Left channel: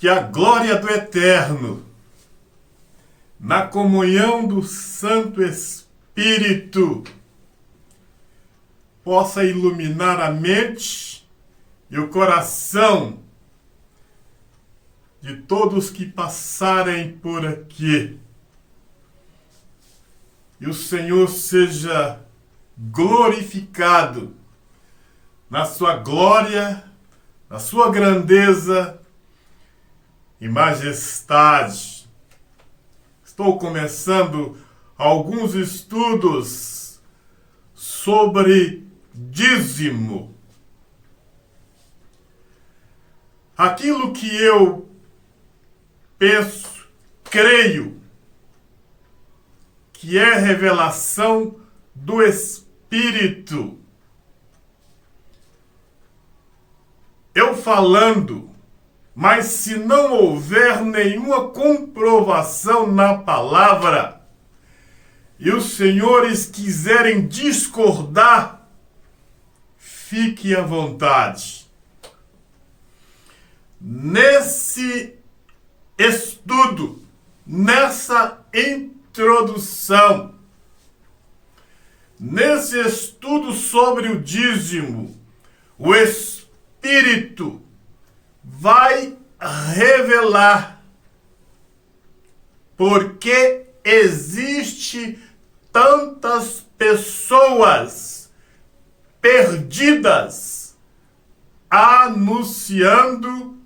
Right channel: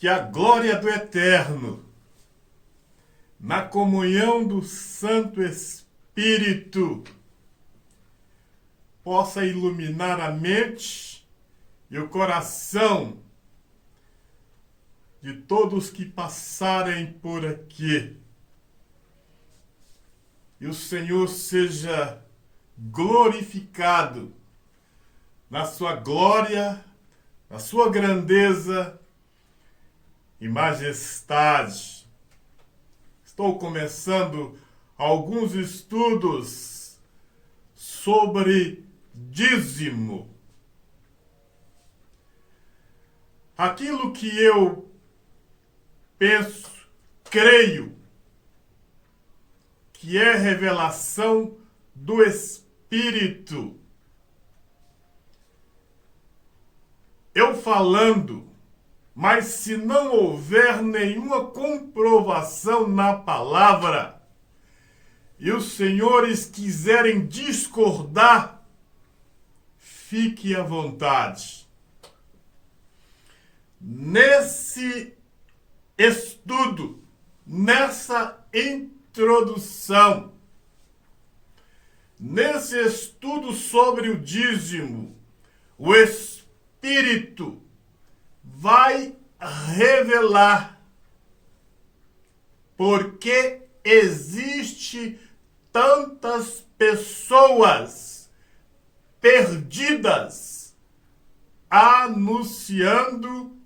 Que a glória do Eterno, na comunhão do Santo Espírito, possa iluminar a mente e o coração de todos que passarem por aqui. E o Senhor seja glorificado na sua glória, na sua grandeza e majestade. Estou começando alguns estudos sobre dízimo. Aquilo que eu penso, creio, que é revelação do Espírito. Eu falando, mas se não houver nenhuma comprovação na palavra, e os senhores quiserem discordar, fique à vontade. Nesse estudo, nessa introdução, nesse estudo sobre o dízimo, o Espírito vai revelar por que existe tantas pessoas perdidas anunciando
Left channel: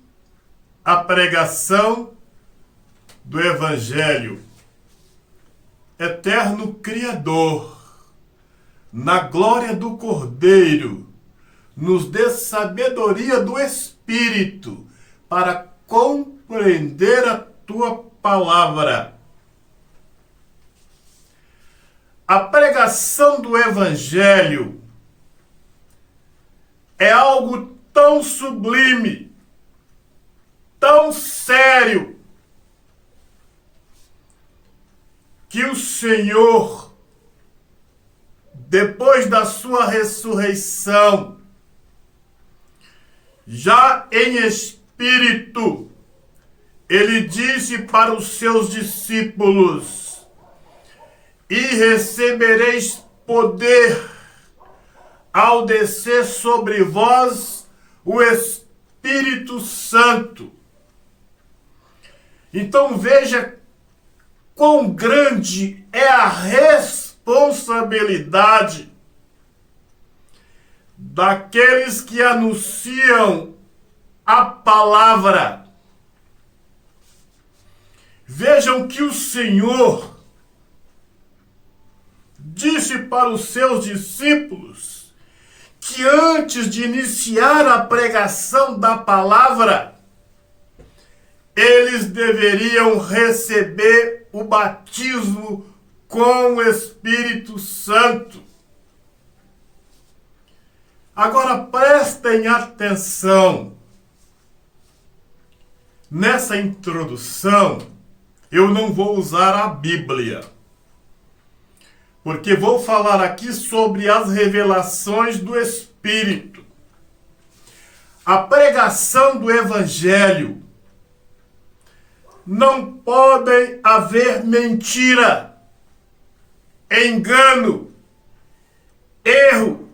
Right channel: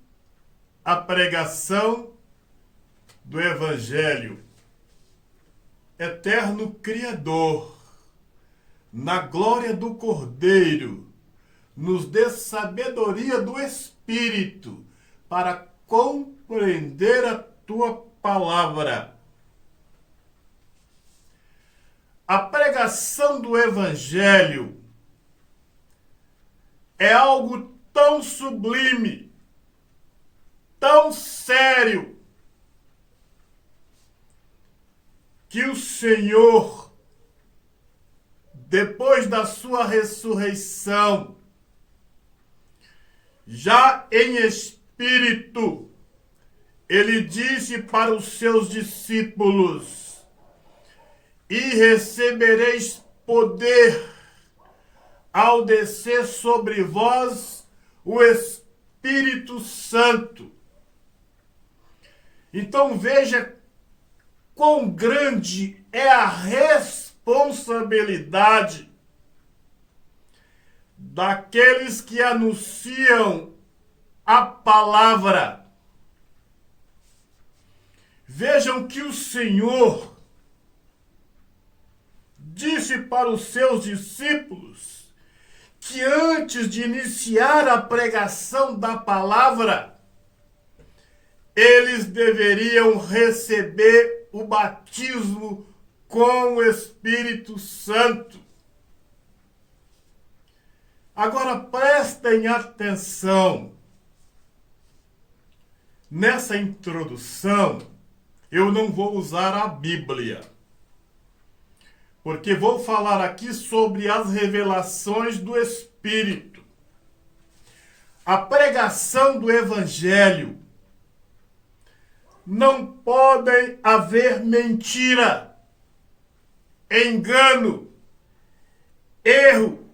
a pregação do Evangelho. Eterno Criador, na glória do Cordeiro, nos dê sabedoria do Espírito para compreender a tua palavra. A pregação do Evangelho é algo tão sublime, tão sério, que o Senhor, depois da sua ressurreição, já em espírito, ele disse para os seus discípulos: e recebereis poder ao descer sobre vós o Espírito Santo. Então veja quão grande é a responsabilidade daqueles que anunciam a palavra. Vejam que o Senhor disse para os seus discípulos que antes de iniciar a pregação da palavra, eles deveriam receber o batismo com o Espírito Santo. Agora prestem atenção. Nessa introdução, eu não vou usar a Bíblia, porque vou falar aqui sobre as revelações do Espírito. A pregação do Evangelho. Não podem haver mentira, engano, erro,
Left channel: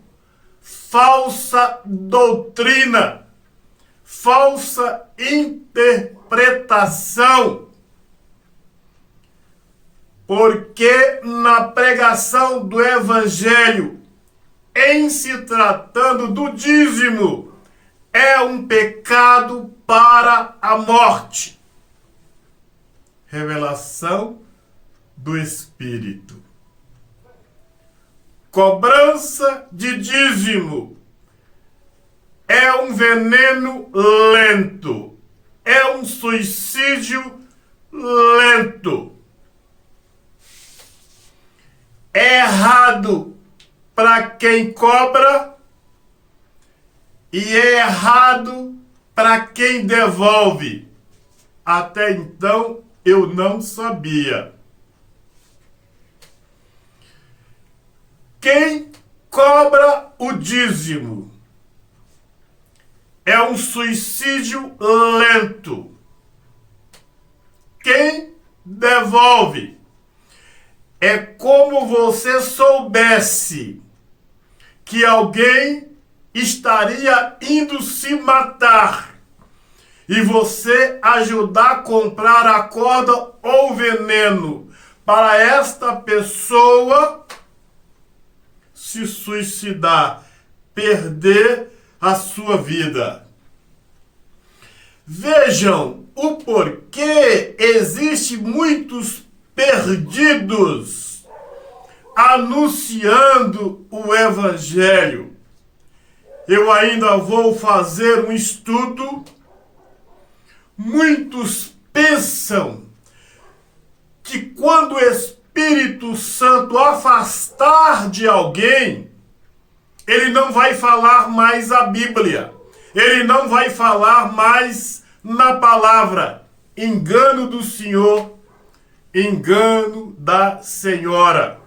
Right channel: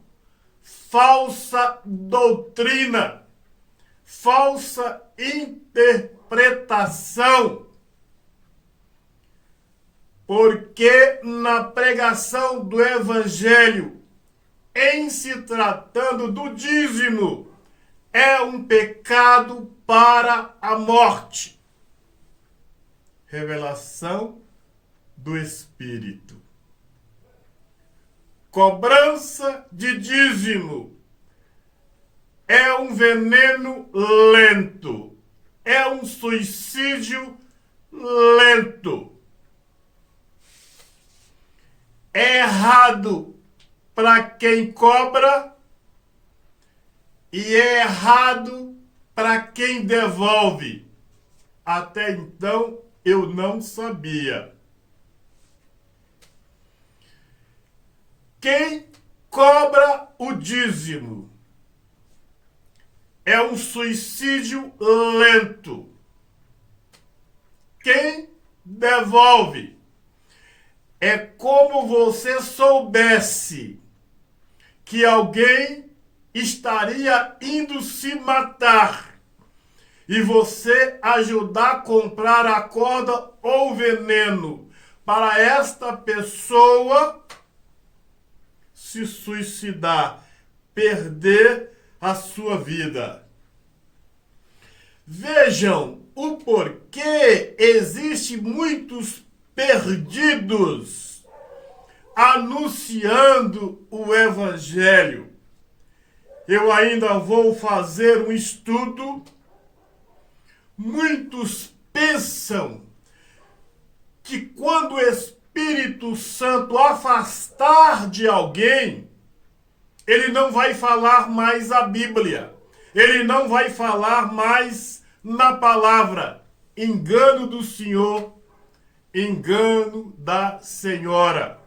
falsa doutrina, falsa interpretação. Porque na pregação do Evangelho, em se tratando do dízimo, é um pecado para a morte. Revelação do Espírito. Cobrança de dízimo é um veneno lento, é um suicídio lento. É errado para quem cobra e é errado para quem devolve. Até então eu não sabia. Quem cobra o dízimo é um suicídio lento, quem devolve. É como você soubesse que alguém estaria indo se matar e você ajudar a comprar a corda ou veneno para esta pessoa se suicidar, perder a sua vida. Vejam o porquê existe muitos perdidos anunciando o evangelho. Eu ainda vou fazer um estudo. Muitos pensam que quando o Espírito Santo afastar de alguém, ele não vai falar mais a Bíblia. Ele não vai falar mais na palavra. Engano do Senhor, engano da Senhora.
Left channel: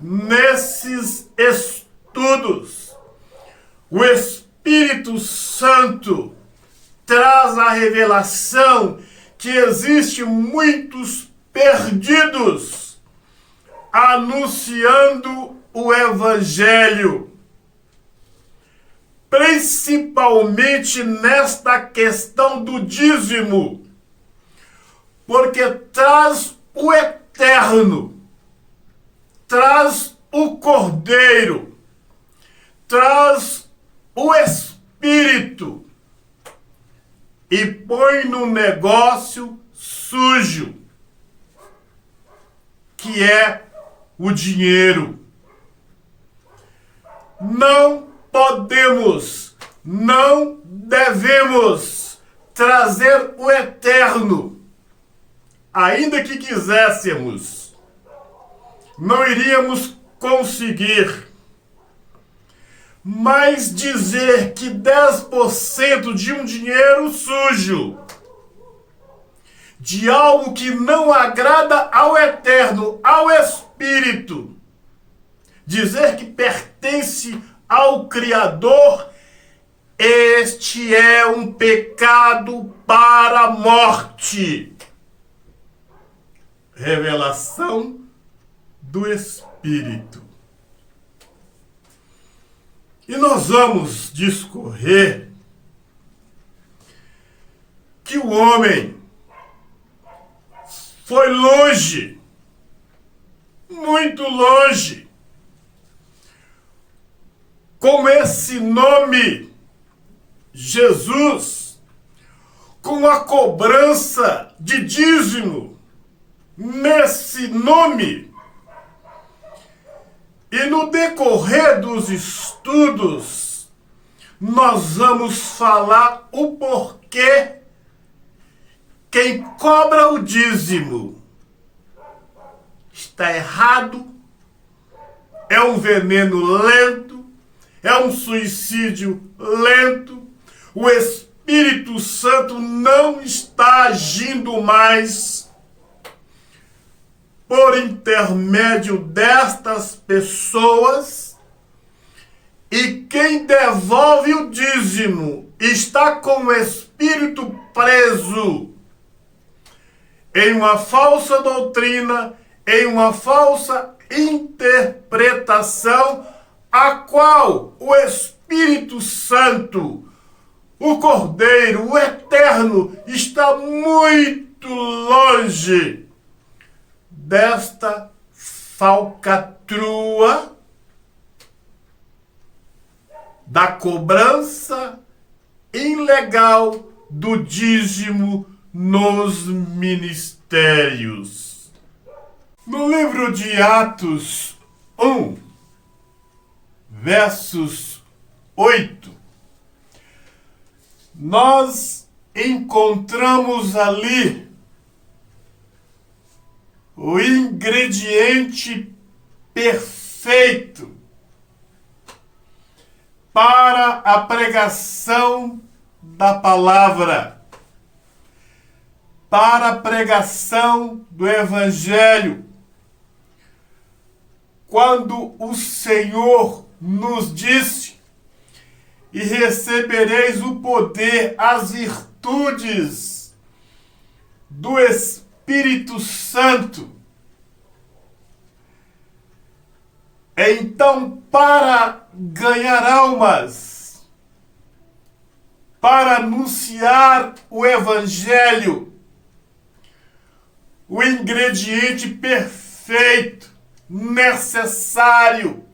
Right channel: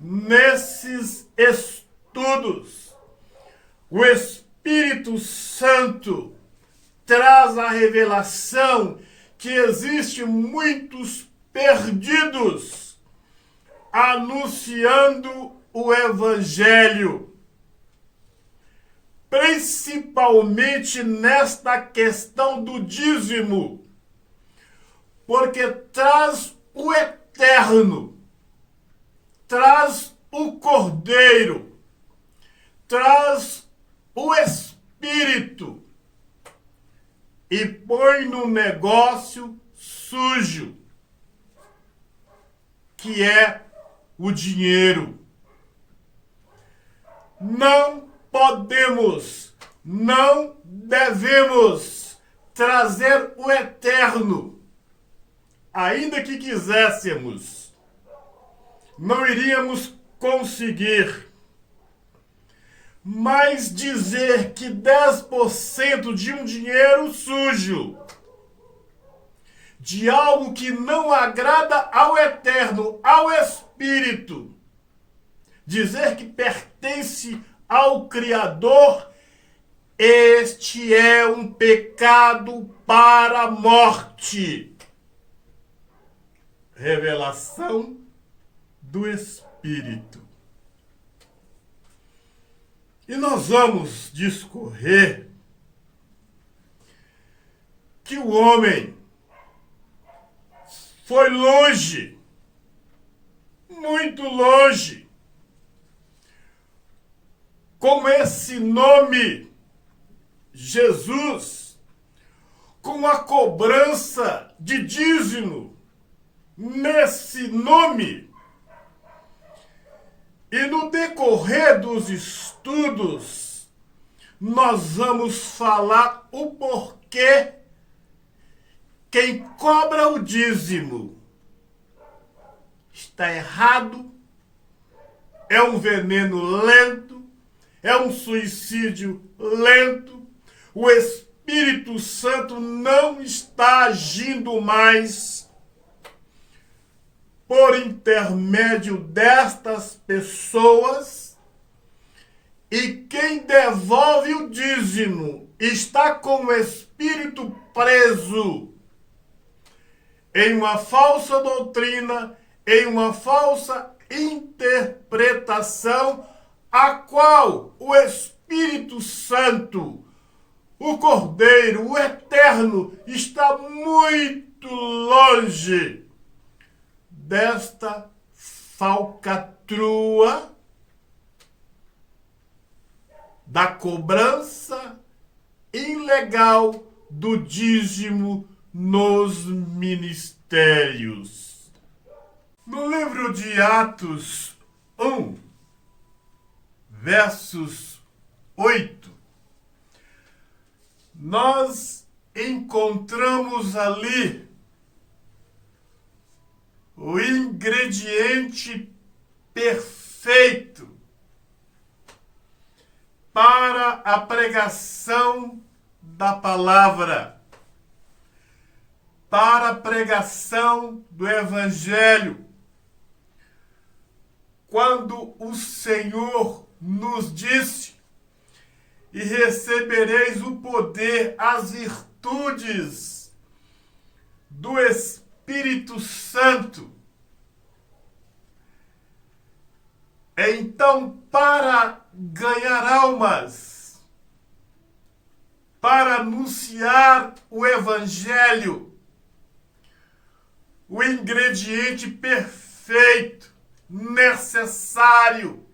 Nesses estudos, o Espírito Santo traz a revelação que existe muitos perdidos anunciando o evangelho, principalmente nesta questão do dízimo, porque traz o eterno, traz o cordeiro, traz o espírito e põe no negócio sujo, que é o dinheiro. Não podemos, não devemos trazer o eterno. Ainda que quiséssemos, não iríamos conseguir. Mas dizer que 10% de um dinheiro sujo, de algo que não agrada ao eterno, ao Espírito, dizer que pertence ao Criador, este é um pecado para a morte. Revelação do Espírito. E nós vamos discorrer que o homem foi longe, muito longe, com esse nome, Jesus, com a cobrança de dízimo nesse nome. E no decorrer dos estudos, nós vamos falar o porquê quem cobra o dízimo está errado, é um veneno lento, é um suicídio lento, o Espírito Santo não está agindo mais por intermédio destas pessoas, e quem devolve o dízimo está com o espírito preso em uma falsa doutrina, em uma falsa interpretação, a qual o Espírito Santo, o Cordeiro, o Eterno, está muito longe desta falcatrua da cobrança ilegal do dízimo nos ministérios. No livro de Atos 1, versos 8, nós encontramos ali o ingrediente perfeito para a pregação da palavra, para a pregação do evangelho. Quando o Senhor nos disse: e recebereis o poder, as virtudes do Espírito Santo. Então, para ganhar almas, para anunciar o Evangelho, o ingrediente perfeito, necessário,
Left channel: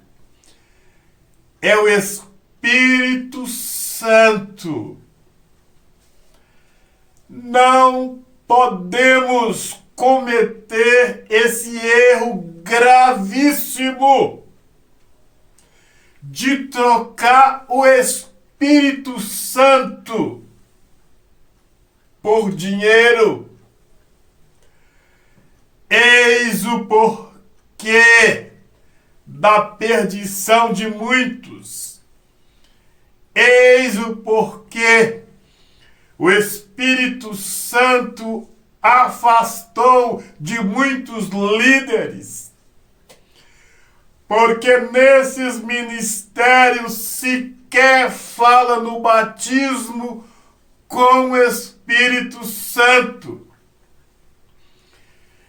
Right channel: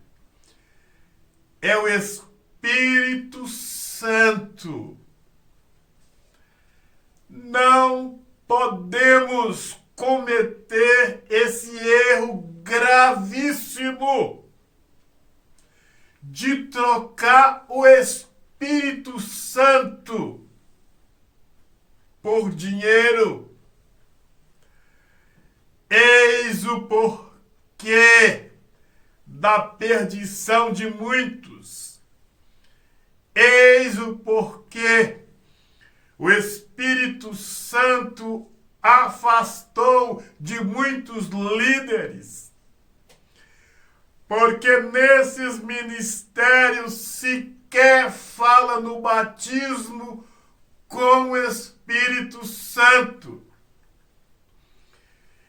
é o Espírito Santo. Não podemos cometer esse erro gravíssimo de trocar o Espírito Santo por dinheiro. Eis o porquê da perdição de muitos. Eis o porquê o Espírito Santo afastou de muitos líderes. Porque nesses ministérios sequer fala no batismo com o Espírito Santo.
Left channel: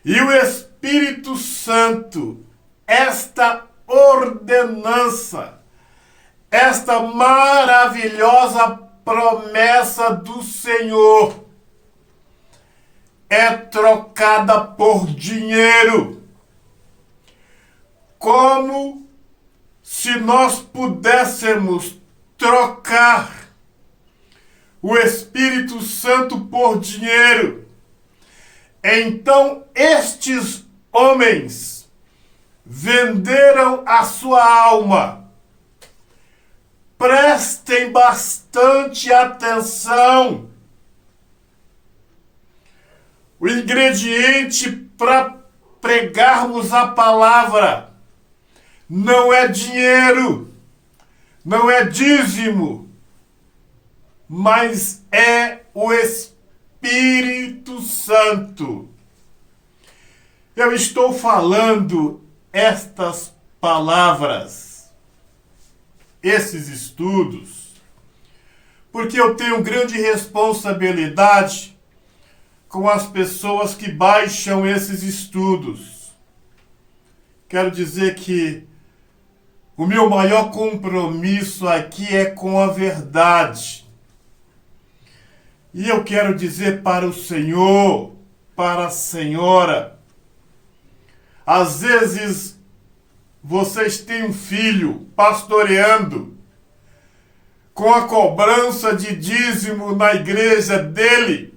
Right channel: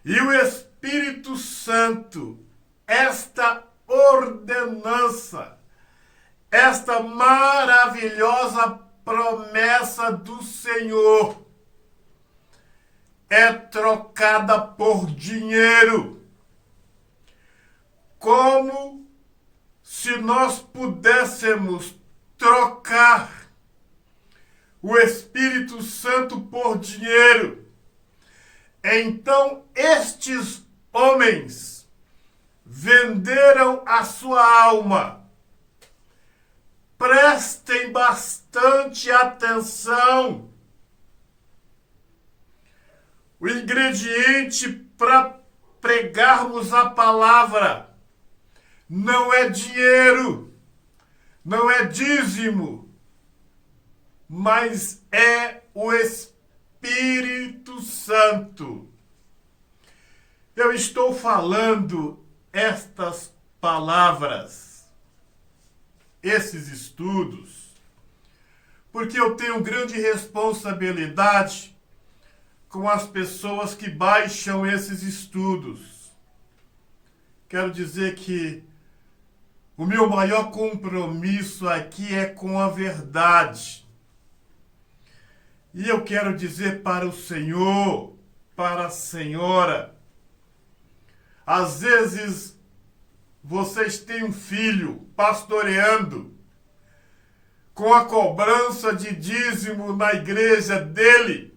E o Espírito Santo, esta ordenança, esta maravilhosa promessa do Senhor, é trocada por dinheiro. Como se nós pudéssemos trocar o Espírito Santo por dinheiro. Então estes homens venderam a sua alma. Prestem bastante atenção. O ingrediente para pregarmos a palavra não é dinheiro, não é dízimo, mas é o Espírito Santo. Eu estou falando estas palavras, esses estudos, porque eu tenho grande responsabilidade com as pessoas que baixam esses estudos. Quero dizer que o meu maior compromisso aqui é com a verdade. E eu quero dizer para o Senhor, para a senhora, às vezes vocês têm um filho pastoreando com a cobrança de dízimo na igreja dele.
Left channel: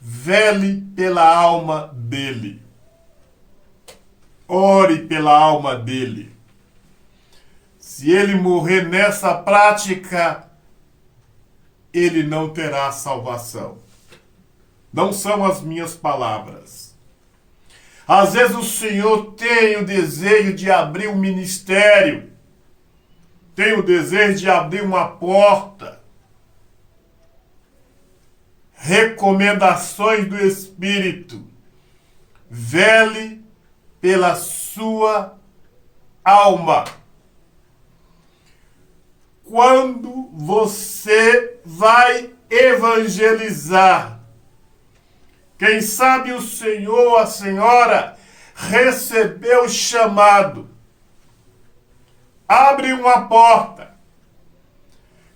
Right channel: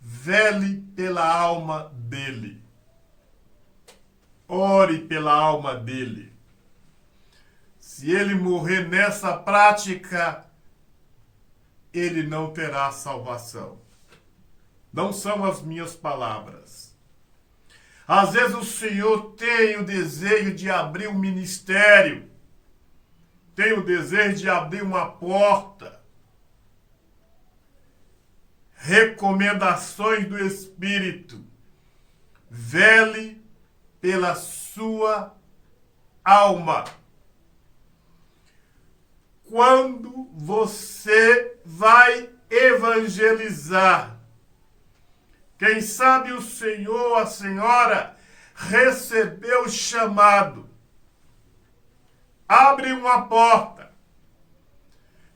Vele pela alma dele. Ore pela alma dele. Se ele morrer nessa prática, ele não terá salvação. Não são as minhas palavras. Às vezes o Senhor tem o desejo de abrir um ministério, tem o desejo de abrir uma porta. Recomendações do Espírito. Vele pela sua alma. Quando você vai evangelizar, quem sabe o senhor ou a senhora recebeu o chamado. Abre uma porta.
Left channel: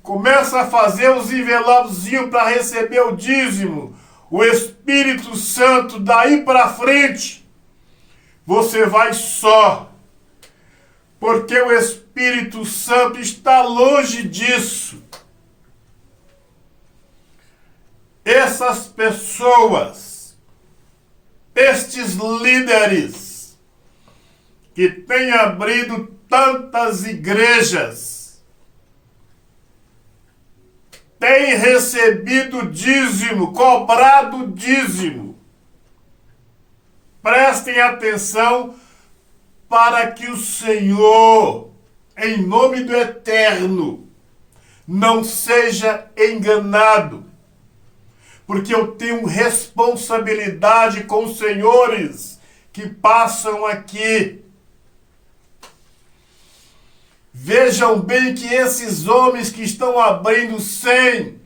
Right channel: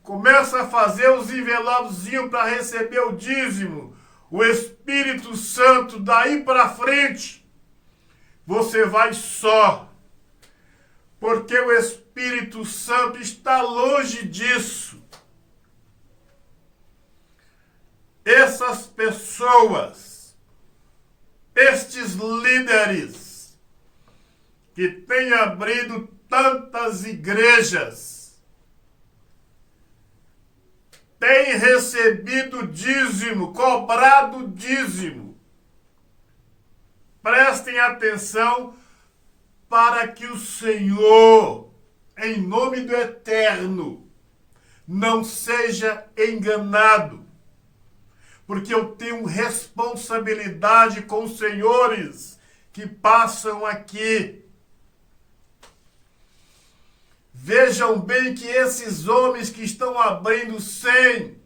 Começa a fazer os envelopezinhos para receber o dízimo. O Espírito Santo, daí para frente, você vai só. Porque o Espírito Santo está longe disso. Essas pessoas, estes líderes que têm abrido tantas igrejas, têm recebido dízimo, cobrado dízimo. Prestem atenção para que o Senhor, em nome do Eterno, não seja enganado. Porque eu tenho responsabilidade com os senhores que passam aqui. Vejam bem que esses homens que estão abrindo 100,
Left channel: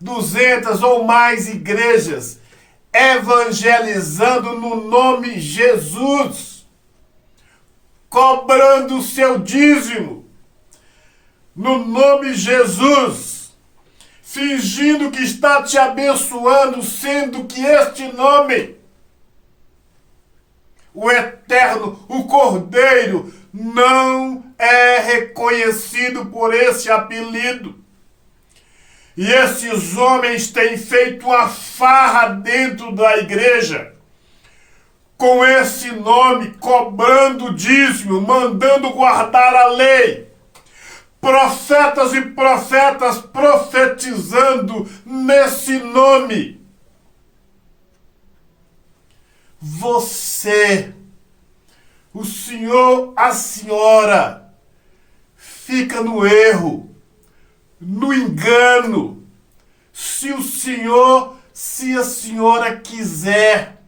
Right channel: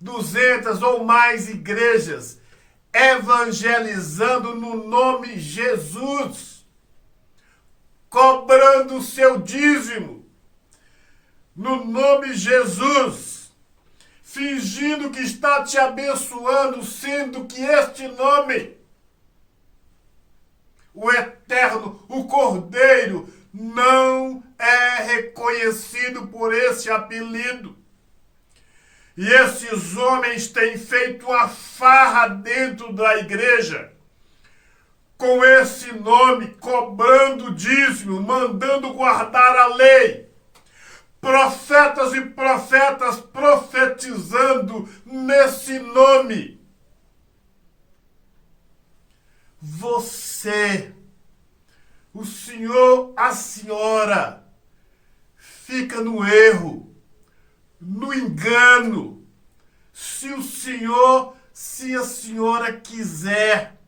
200 ou mais igrejas, evangelizando no nome Jesus, cobrando o seu dízimo no nome Jesus, fingindo que está te abençoando, sendo que este nome, o Eterno, o Cordeiro, não é reconhecido por esse apelido. E esses homens têm feito uma farra dentro da igreja, com esse nome, cobrando dízimo, mandando guardar a lei. Profetas e profetas profetizando nesse nome. Você, o senhor, a senhora, fica no erro, no engano, se o senhor, se a senhora quiser.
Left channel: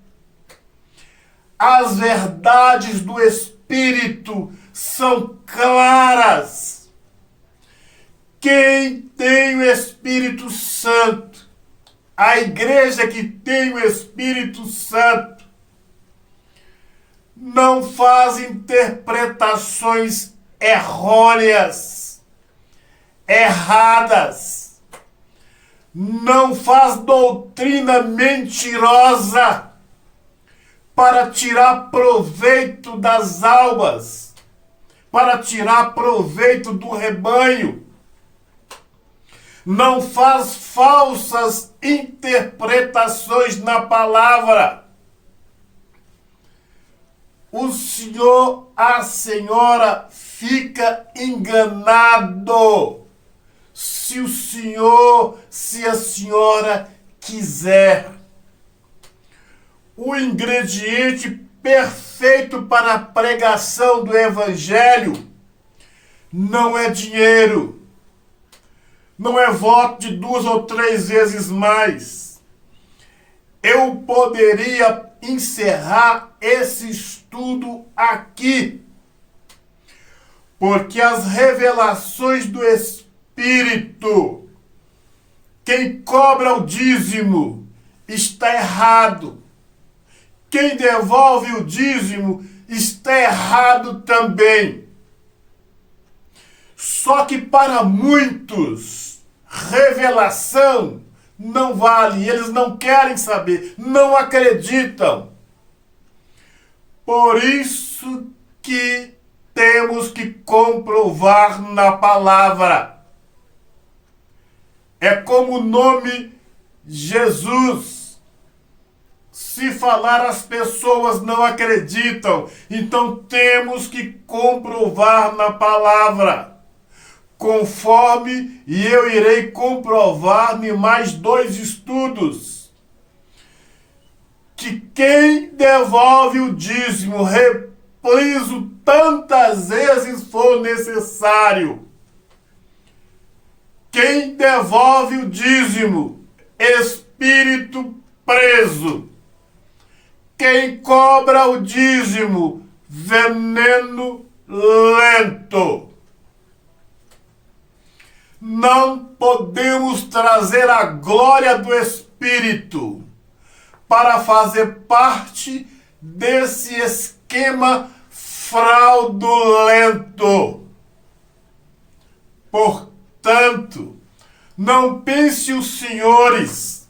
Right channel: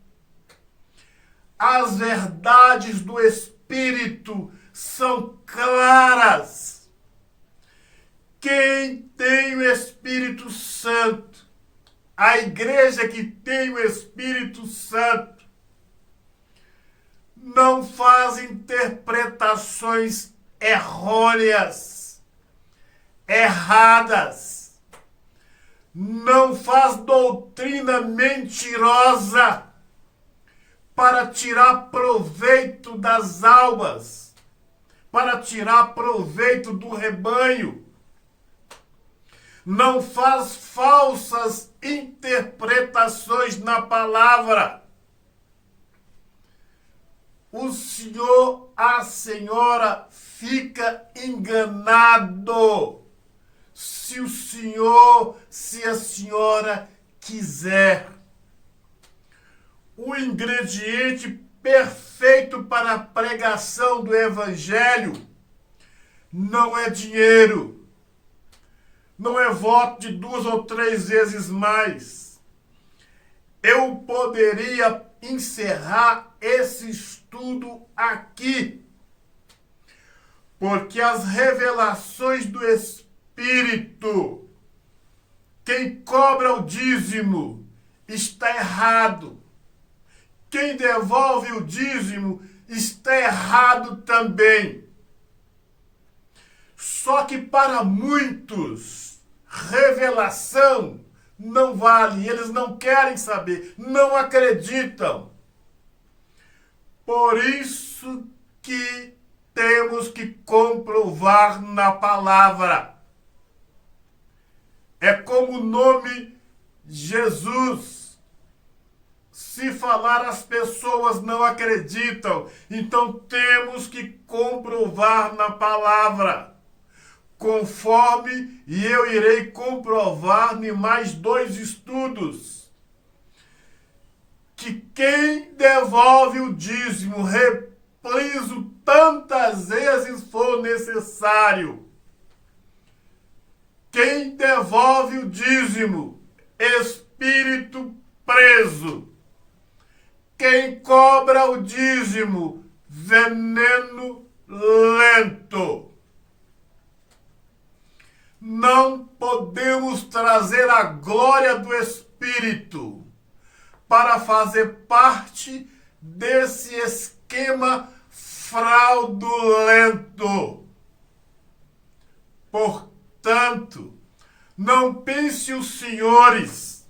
As verdades do Espírito são claras. Quem tem o Espírito Santo, a igreja que tem o Espírito Santo, não faz interpretações errôneas, erradas, não faz doutrina mentirosa para tirar proveito das almas, para tirar proveito do rebanho. Não faz falsas interpretações na palavra. O senhor, a senhora fica enganado se o senhor, se a senhora quiser. O ingrediente perfeito para a pregação do evangelho não é dinheiro. Não é voto de 2 ou 3 vezes mais. Eu poderia encerrar esse estudo aqui, porque as revelações do Espírito, quem cobra o dízimo está errado. Quem devolve o dízimo está errado também. Só que para muitos, revelação não vale, eles não querem saber, não acreditam. Por isso que temos que comprovar na palavra. É como o nome Jesus. Se falar, as pessoas não acreditam. Então temos que comprovar na palavra. Conforme, e eu irei comprovar em mais 2 estudos, que quem devolve o dízimo, repliso tantas vezes for necessário. Quem devolve o dízimo, espírito preso. Quem cobra o dízimo, veneno lento. Não podemos trazer a glória do Espírito para fazer parte desse esquema fraudulento. Portanto, não pense os senhores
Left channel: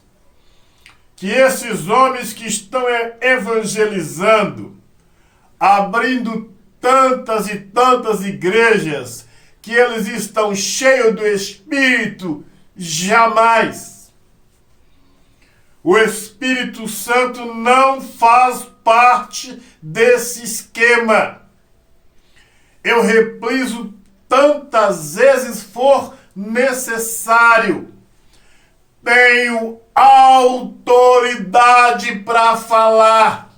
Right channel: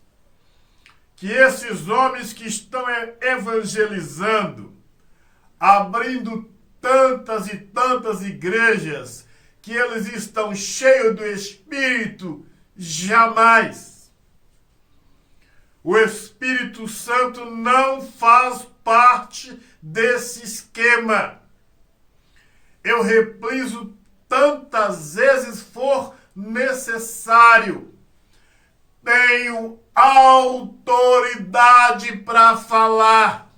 que esses homens que estão evangelizando, abrindo tantas e tantas igrejas, que eles estão cheios do Espírito, jamais. O Espírito Santo não faz parte desse esquema. Eu repriso tantas vezes for necessário. Tenho autoridade para falar.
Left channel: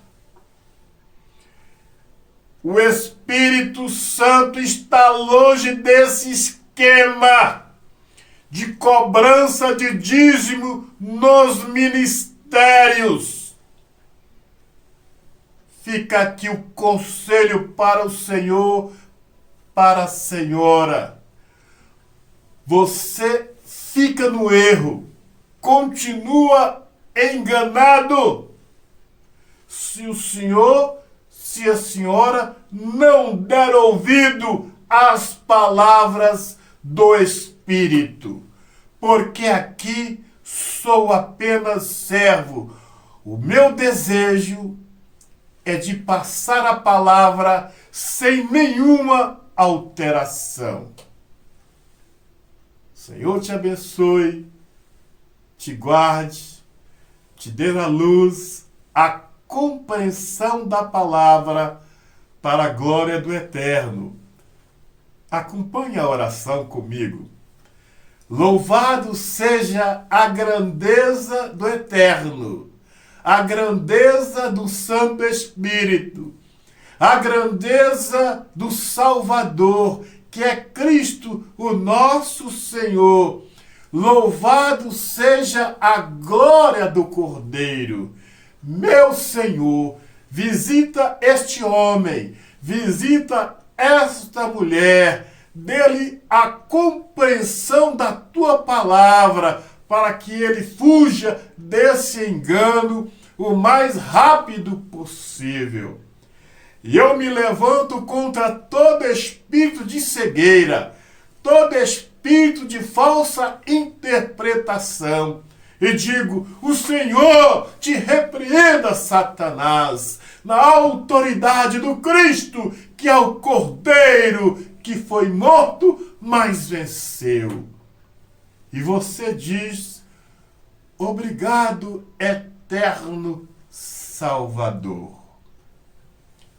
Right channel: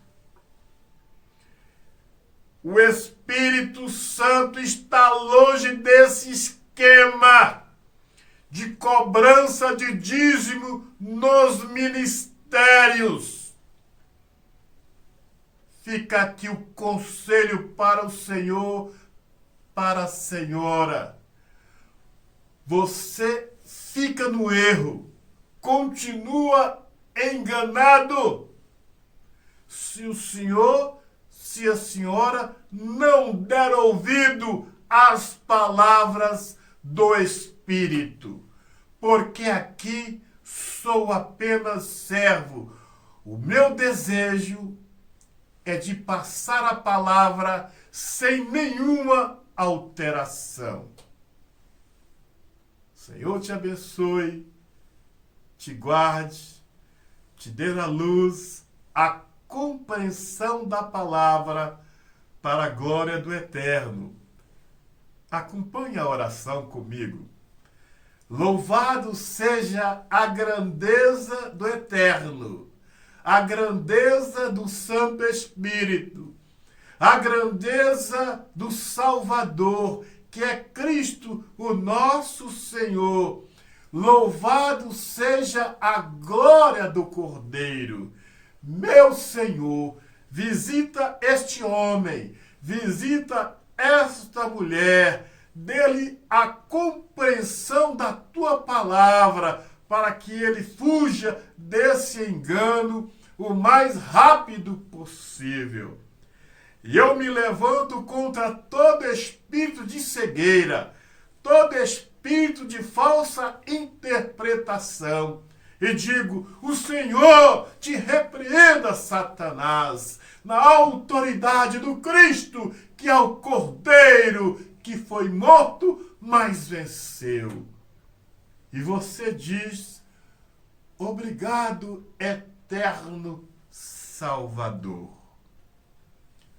O Espírito Santo está longe desse esquema de cobrança de dízimo nos ministérios. Fica aqui o conselho para o Senhor, para a senhora. Você fica no erro, continua enganado. se o senhor, se a senhora não der ouvido às palavras do Espírito, porque aqui sou apenas servo. O meu desejo é de passar a palavra sem nenhuma alteração. Senhor te abençoe, te guarde, te dê a luz, a compreensão da palavra para a glória do Eterno. Acompanhe a oração comigo. Louvado seja a grandeza do Eterno, a grandeza do Santo Espírito, a grandeza do Salvador, que é Cristo, o nosso Senhor. Louvado seja a glória do Cordeiro. Meu Senhor, visita este homem, visita esta mulher, dê-lhe a compreensão da tua palavra, para que ele fuja desse engano o mais rápido possível. E eu me levanto contra todo espírito de cegueira, todo espírito de falsa interpretação. E digo, o Senhor te repreenda, Satanás, na autoridade do Cristo, que é o Cordeiro, que foi morto, mas venceu. E você diz, obrigado, eterno Salvador.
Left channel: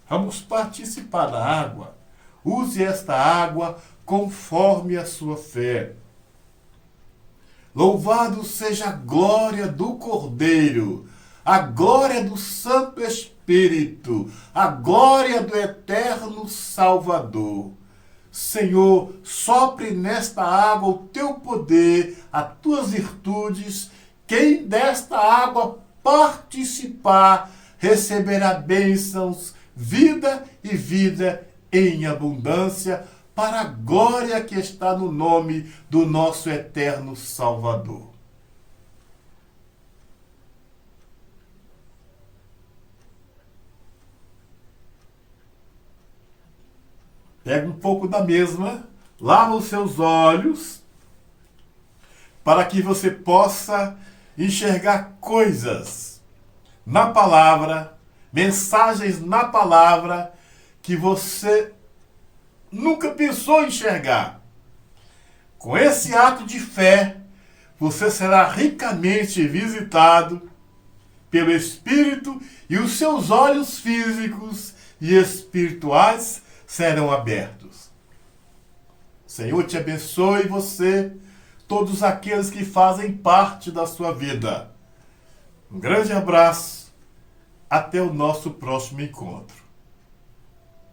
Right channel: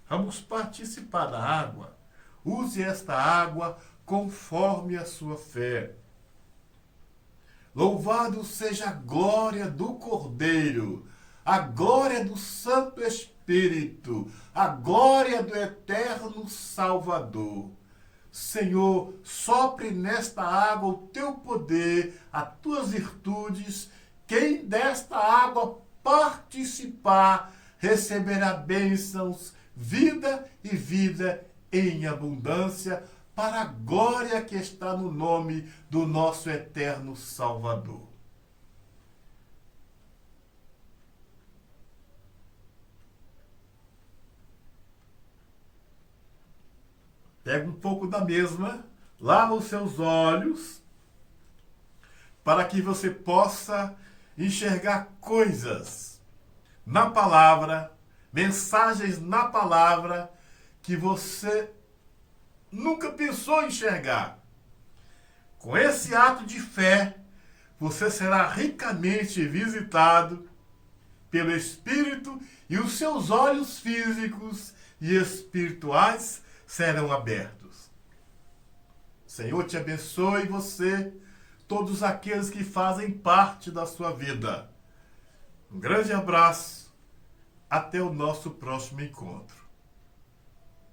Vamos participar da água. Use esta água conforme a sua fé. Louvado seja a glória do Cordeiro, a glória do Santo Espírito, a glória do eterno Salvador. Senhor, sopre nesta água o teu poder, as tuas virtudes. Quem desta água participar receberá bênçãos, vida e vida em abundância, para a glória que está no nome do nosso eterno Salvador. Pega um pouco da mesma, lava os seus olhos, para que você possa enxergar coisas na palavra, mensagens na palavra, que você nunca pensou em enxergar. Com esse ato de fé, você será ricamente visitado pelo Espírito e os seus olhos físicos e espirituais serão abertos. Senhor te abençoe você, todos aqueles que fazem parte da sua vida. Um grande abraço, até o nosso próximo encontro.